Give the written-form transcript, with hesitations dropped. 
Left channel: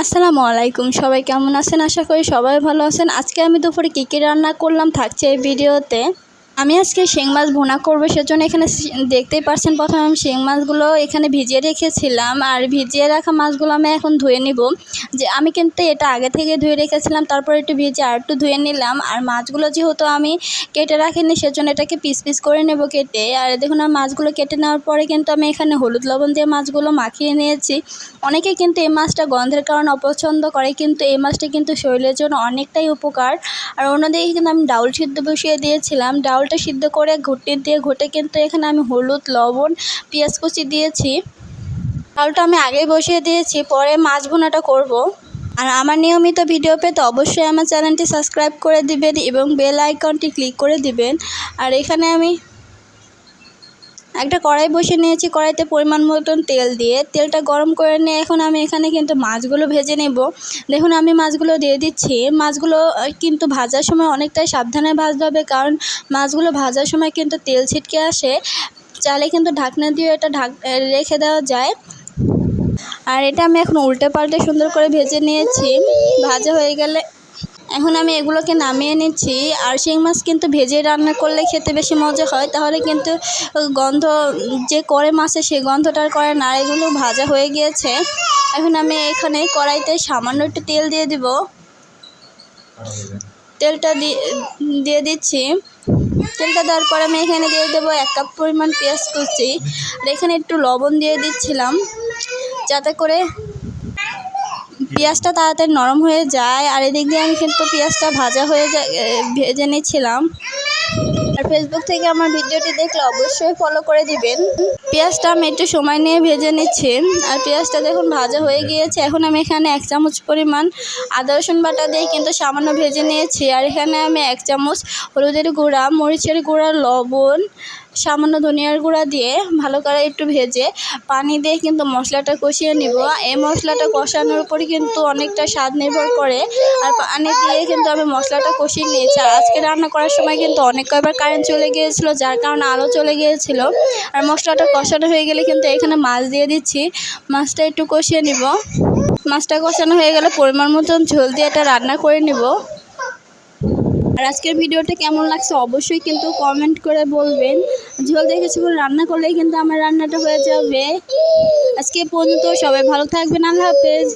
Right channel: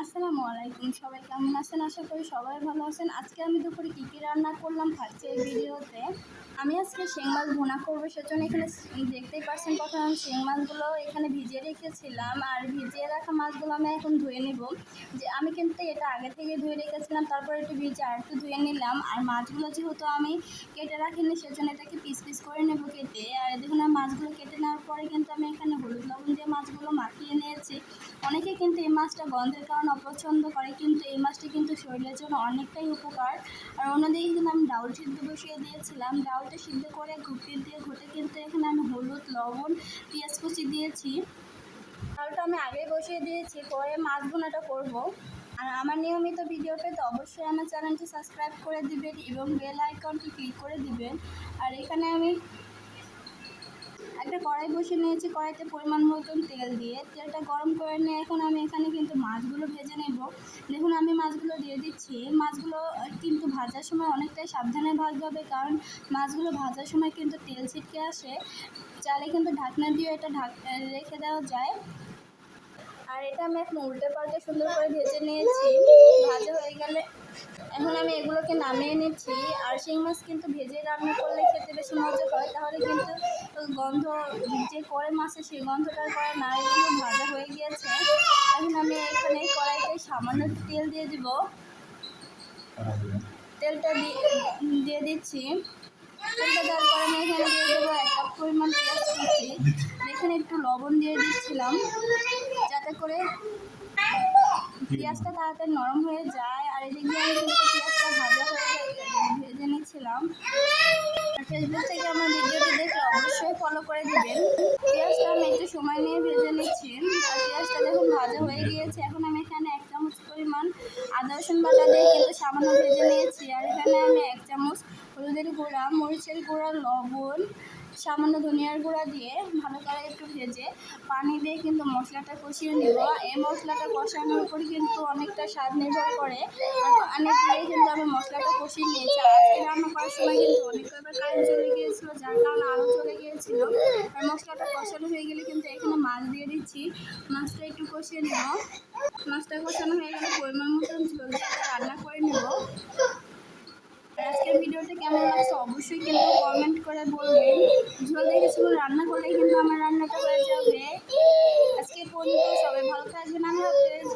আসসালামু আলাইকুম, সবাই কেমন আছেন? আশা করি সবাই ভালো আছেন। আজকে আমি দুপুরে কী কী রান্না করলাম থাকছে এই ভিডিওতে। আমি আজকে শিং মাছ ভুনা করবো, সেজন্য এখানে দেখতেই পাচ্ছেন প্রথমে আমি শিং মাছগুলো এখানে ভিজিয়ে রেখেছিলাম। আর ভিজিয়ে রাখা মাছগুলো আমি এখন ধুয়ে নিব। যে আমি কিন্তু এটা আগে থেকে ধুয়ে রেখেছিলাম, তারপর একটু ভিজিয়ে আর একটু ধুয়ে নিলাম। আর মাছগুলো যেহেতু আমি কেটে রাখিনি, সেজন্য এটাকে পিস পিস করে নেব কেটে। আর দেখুন আর মাছগুলো কেটে নেওয়ার পরে কিন্তু আমি এখানে হলুদ লবণ দিয়ে মাছগুলো মাখিয়ে নিয়েছি। অনেকে কিন্তু এই মাছটা গন্ধের কারণে অপছন্দ করে, কিন্তু এই মাছটা কিন্তু শরীরের জন্য অনেকটাই উপকার। আর অন্যদিকে কিন্তু আমি ডাউল সিদ্ধ বসিয়ে দিয়েছিলাম। ডাউলটা সিদ্ধ করে ঘুটে দিয়ে ঘুটে কিন্তু এখানে আমি হলুদ লবণ পেঁয়াজ কুচি দিয়েছি। ডাউলটা আমি আগেই বসিয়ে দিয়েছি, পরে মাছ ভুনাটা করব। আর আমার নিয়মিত ভিডিও পেতে অবশ্যই আমার চ্যানেলটি সাবস্ক্রাইব করে দিবেন এবং বেল আইকনটি ক্লিক করে দিবেন। আর এখানে আমি একটা কড়াই বসে নিয়েছি, কড়াইতে পরিমাণ মতন তেল দিয়ে তেলটা গরম করে নিয়ে এখন আমি এখানে কিন্তু মাছগুলো ভেজে নেব। দেখুন আমি মাছগুলো দিয়ে দিচ্ছি। মাছগুলো কিন্তু ভাজার সময় অনেকটাই সাবধানে ভাজতে হবে, কারণ মাছগুলো ভাজার সময় কিন্তু তেল ছিটকে আসে। চাইলে কিন্তু ঢাকনা দিয়ে এটা রেখে দেওয়া যায়। আর এটা আমি এখন উল্টে পাল্টে সুন্দর করে ভেজে নিয়েছি। ভাজা হয়ে গেলে এখন আমি এগুলোকে নামিয়ে নিচ্ছি। আর শিং মাছ কিন্তু ভেজে রান্না করলে খেতে বেশি মজা হয়, তাহলে কিন্তু গন্ধ যে করে মাছে সেই গন্ধটা আর করে না। এগুলো ভাজা হয়ে গিয়েছে। এখন আমি এখানে কড়াইতে সামান্য একটু তেল দিয়ে দিব। তেলটা দিয়ে দিচ্ছি। তেলটা দেওয়ার পরে আমি এখানে দিয়ে দেবো 1 কাপ পরিমাণ পেঁয়াজ কুচি। আর এখানে একটু লবণ দিয়ে দিচ্ছিলাম, যাতে করে পেঁয়াজটা তাড়াতাড়ি নরম হয়ে যায়। আর এদিক দিয়ে আমি কিন্তু পেঁয়াজটা ভেজে নিচ্ছিলাম। আর ফেসবুক থেকে আমার ভিডিওটি দেখলে অবশ্যই ফলো করে দিবেন। পেঁয়াজটা আমি একটু সময় নিয়ে ভেজে নিচ্ছি। আর পেঁয়াজটা দেখুন ভাজা হয়ে গিয়েছে। এখন আমি এখানে 1 চামচ পরিমাণ আদা রসুন বাটা দিয়ে কিন্তু সামান্য ভেজে নিয়েছি। আর এখানে আমি 1 চামচ হলুদের গুঁড়া, মরিচের গুঁড়া, লবণ, সামান্য ধনিয়ার গুঁড়া দিয়ে ভালো করে একটু ভেজে পানি দিয়ে কিন্তু মশলাটা কষিয়ে নিব। এই মশলাটা কষানোর উপরই কিন্তু অনেকটা স্বাদ নির্ভর করে। আর পানি দিয়ে কিন্তু আমি মশলাটা কষিয়ে নিয়েছি। আর আজকে রান্না করার সময় কিন্তু অনেক কয়বার কারেন্ট চলে গিয়েছিলো, যার কারণে আলো চলে গিয়েছিল। আর মশলাটা কষানো হয়ে গেলে কিন্তু এখানে মাছ দিয়ে দিচ্ছি। মাছটা একটু কষিয়ে নিব। মাছটা কষানো হয়ে গেলে পরিমাণ মতন ঝোল দিয়ে এটা রান্না করে নিব। আর আজকের ভিডিওটা কেমন লাগছে অবশ্যই কিন্তু কমেন্ট করে বলবেন। ঝোল দিয়ে কিছুক্ষণ রান্না করলেই কিন্তু আমার রান্নাটা হয়ে যাবে। আজকে পর্যন্ত সবাই ভালো থাকবেন। আল্লাহ হাফেজ।